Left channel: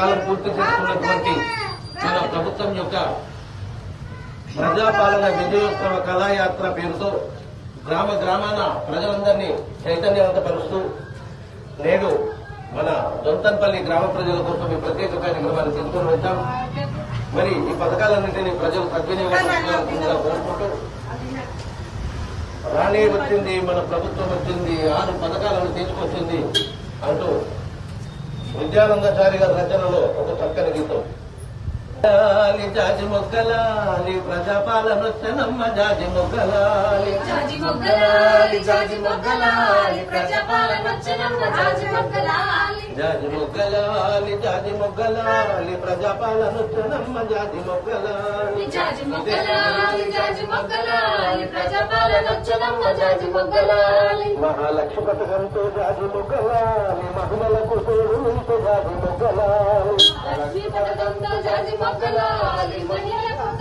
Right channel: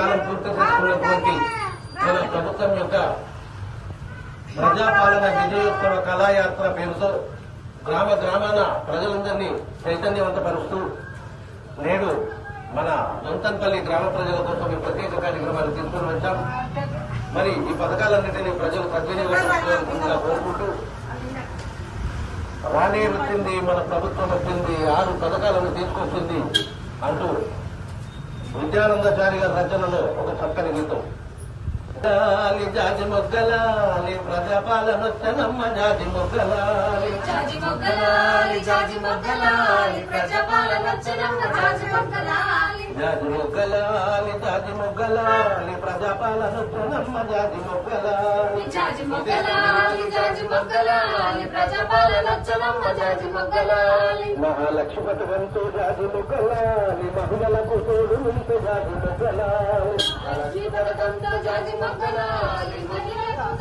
కాలం పూర్తి చేసుకున్నటువంటి మన ప్రభుత్వం యొక్క ప్రజాపాలన విజయోత్సవ కళాయాత్ర పేరుతో గ్రామ గ్రామాన ప్రజలందరినీ చైతన్యవంతపరుస్తూ నేడు మన దొంతన్పల్లి గ్రామ ప్రజల కోసం ఈ ప్రత్యేక కార్యక్రమాన్ని తీసుకొని వచ్చాం. మరి ఈ పథకాలన్నింటినీ ప్రజలు సద్వినియోగం కోరుకుంటూ రాణి వచ్చింది మన ప్రభుత్వం వచ్చింది ఆరు పథకాలను తీసుకొచ్చింది అంటూ విద్యానందచారి గారి రచనలో ఒక చక్కని గీతం. జాజి మొగ్గలాలి ప్రజాపాలనొచ్చనమ్మ జాజి మొగ్గలాలి. జాజి మొగ్గలాలి జాజి మొగ్గలాలి ప్రజాపాలనొచ్చనమ్మ జాజి మొగ్గలాలి. జాజి మొగ్గలాలి జాజి మొగ్గలాలి జాజి మొగ్గలాలి. జాజి మొగ్గలాలి జాజి మొగ్గలాలి ప్రజాపాలనొచ్చనమ్మ జాజి మొగ్గలాలి. మహాలక్ష్మి పథకంతో జాజి మొగ్గలాలి మహాలక్ష్మి పథకంతో జాజి మొగ్గలాలి మహిళలకు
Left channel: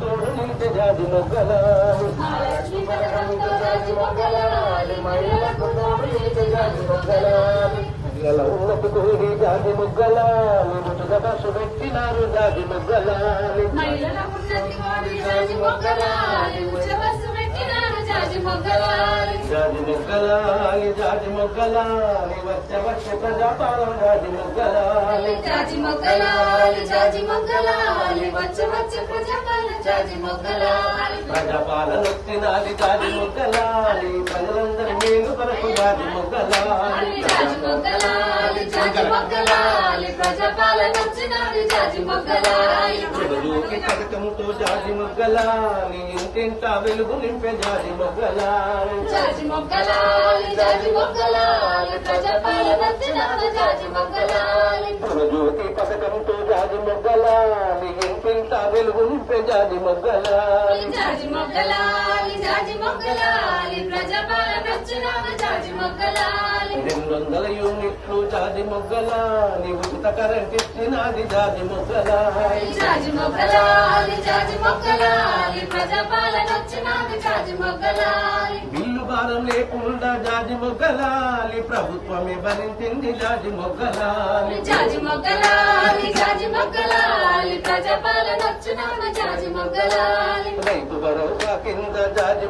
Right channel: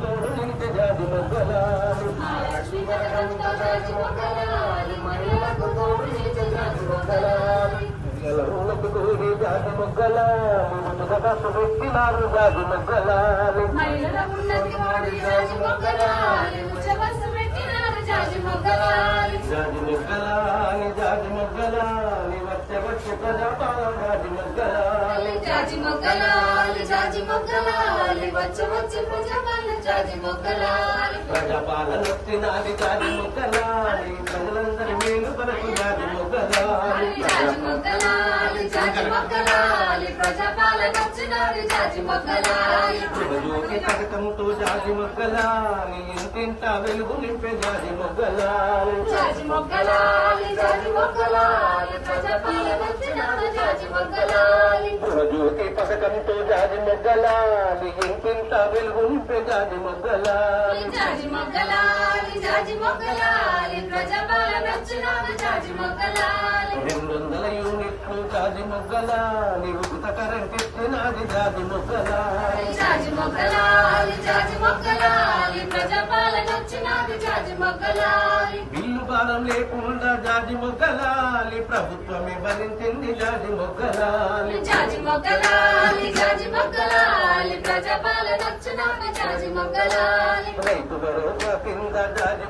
తోడు నిలిచే జాజి మొగ్గలాలి మహాలక్ష్మీ పథకంతో జాజి మొగ్గలాలి మహిళలకు తోడు నిలిచే జాజి మొగ్గలాలి మహిళల ఉన్నతి కోరి జాజి మొగ్గలాలి ఉచిత బస్సు పెట్టినారు జాజి మొగ్గలాలి మహిళల ఉన్నతి కోరి మొగ్గలాలి ఉచ్చవస్సు పెట్టినారు జాజి మొగ్గలాలి జాజి మొగ్గలాలి జాజి మొగ్గలాలి వచ్చ వచ్చ ప్రజాపాలన జాజి మొగ్గలాలి జాజి మొగ్గలాలి జాజి మొగ్గలాలి వచ్చ వచ్చ ప్రజాపాలన జాజి మొగ్గలాలి ప్రజాపాలన వచ్చినాలి జాజి మొగ్గలాలి ప్రజలందరి మేలు కొరకు జాజి మొగ్గలాలి జాజి మొగ్గలాలి జాజి మొగ్గలాలి ప్రజాపాలన వచ్చినారు జాజి మొగ్గలాలి జగజోగి పథకంతో జాజి మొగ్గలాలి ఇంటింట వెలుగు నింపే జాజి మొగ్గలాలి జాజి మొగ్గలాలి జాజి మొగ్గలాలి ప్రజాపాలన వచ్చినారు జాజి మొగ్గలాలి జ్యోతి పథకంతో జాజి మొగ్గలాలి ఇంటింట వెలుగు నింపే జాజి మొగ్గలాలి జాజి మొగ్గలాలి జాజి మొగ్గలాలి ప్రజాపాలన జాజి మొగ్గలాలి రెండు వందల యూనిట్లు జాజి మొగ్గలాలి ఉచిత కరెంట్ ఇచ్చినది జాజి మొగ్గలాలి జాజి మొగ్గలాలి జాజి మొగ్గలాలి ప్రజాపాలన వచ్చినాది జాజి మొగ్గలాలి బిల్లు భారం లేకుండా జాజి మొగ్గలాలి ప్రభుత్వమే భరించింది జాజి మొగ్గలాలి జాజి మొగ్గలాలి జాజి మొగ్గలాలి ప్రజాపాలన వచ్చినాది జాజి మొగ్గలాలి రైతు భరోసా కింద జాజి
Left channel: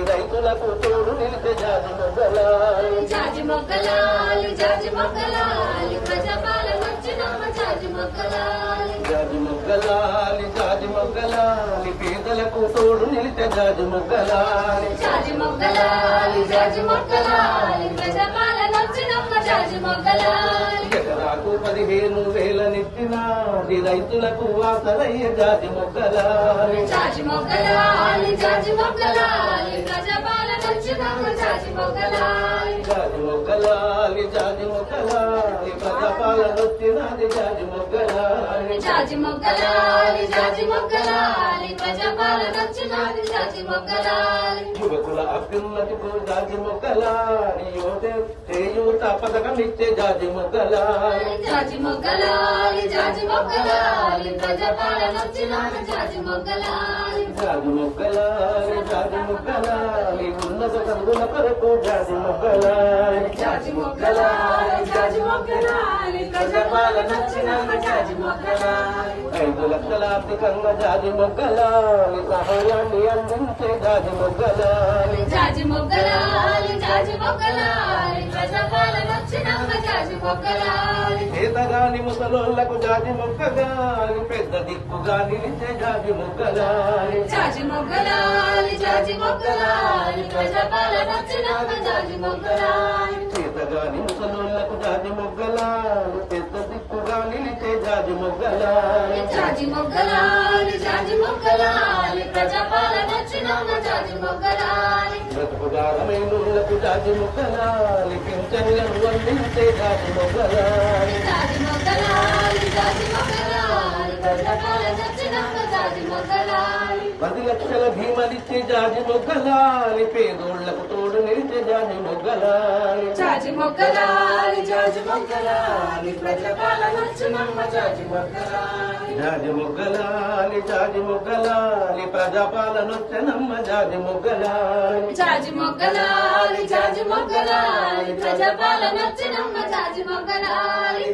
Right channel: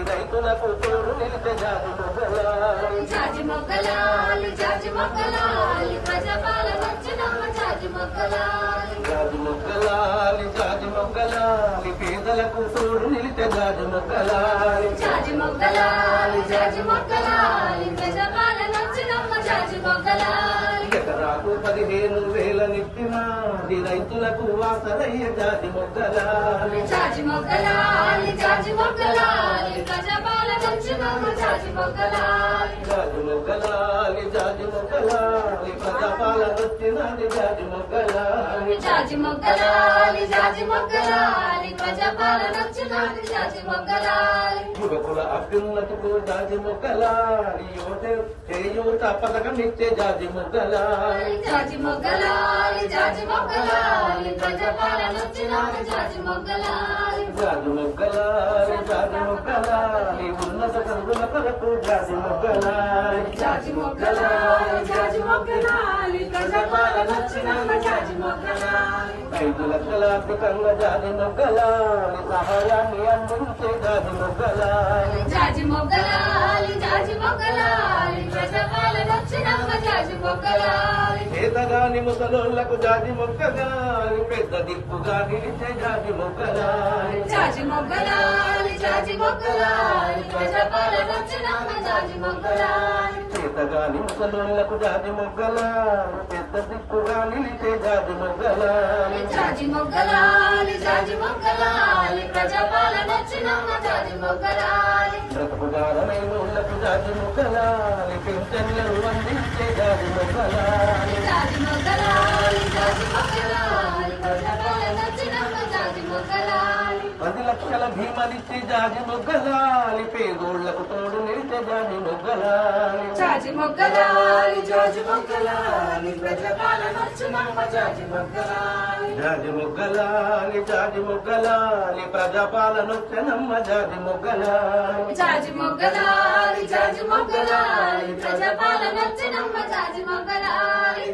మొగ్గలాలి రైతులకు తోడు నిలిచే జాజి మొగ్గలాలి. జాజి మొగ్గలాలి జాజి మొగ్గలాలి ప్రజాపాలన వచ్చినామ జాజి మొగ్గలాలి. జాజి మొగ్గలాలి జాజి మొగ్గలాలి పేదలకు తోడు నిలిచే జాజి మొగ్గలాలి. జాజి మొగ్గలాలి జాజి మొగ్గలాలి ప్రజాపాలన వచ్చినామ జాజి మొగ్గలాలి. ఎకరాకు పదిహేను వేల నెత్తినాది రైతులకు వాసలయ్య జాజి మొగ్గలాలి. జాజి మొగ్గలాలి జాజి మొగ్గలాలి. జాజి మొగ్గలాలి జాజి మొగ్గలాలి జాజి మొగ్గలాలి వచ్చినది జాజి మొగ్గలాలి జాజి మొగ్గలాలి జాజి మొగ్గలాలి ప్రజాపాలన వచ్చినాది జాజి మొగ్గలాలి యువకుల అభ్యున్నతికు జాజి మొగ్గలాలి యువత చేయూత పథకం ఇచ్చే జాజి మొగ్గలాలి జాజి మొగ్గలాలి జాజి మొగ్గలాలి ప్రజాపాలన వచ్చినాది జాజి మొగ్గలాలి జాజి మొగ్గలాలి జాజి మొగ్గలాలి ఉన్నత కరుగుల కొరకు జాజి మొగ్గలాలి జాజి మొగ్గలాలి జాజి ప్రజాపాలన జాజి మొగ్గలాలి ఐదు లక్షల ఆర్థికంగా జాజి మొగ్గలాలి సహాయాన్ని అందించే జాజి మొగ్గలాలి జాజి మొగ్గలాలి జాజి మొగ్గలాలి ప్రజాపాలన వచ్చినాక జాజి మొగ్గలాలి చేతగాని ముసలోళ్ళకు జాజి మొగ్గగాలి పెద్ద దిక్కుగా నిలిచే జాజి మొగ్గలాలి జాజి మొగ్గలాలి జాజి మొగ్గలాలి ప్రజాపాలన వచ్చినాక జాజి మొగ్గలాలి చేతగాని ముసలోళ్ళకు జాజి మొగ్గలాలి పెద్ద దిక్కుగా నిలిచే జాజి మొగ్గలాలి జాజి మొగ్గలాలి జాజి మొగ్గలాలి ప్రజాపాలన వచ్చినాక జాజి మొగ్గలాలి జాజి మొగ్గలాలి పింఛన్లను అందించే జాజి మొగలాలి జాజి మొగలాలి లక్షల భీమలిచ్చే జాజి మొగ్గలాలి పేదోళ్ళకు తోడు నిలిచే జాజి మొగ్గలాలి. జాజి మొగ్గలాలి జాజి మొగ్గలాలి జాజి మొగ్గలాలి. జాజి మొగ్గలాలి జాజి మొగ్గలాలి ప్రజాపాలనొచ్చనమ్మ జాజి మొగ్గలాలి. జాజి మొగ్గలాలి జాజి మొగ్గలాలి ప్రజాపాలన వచ్చినమ్మ జాజి మొగ్గలాలి.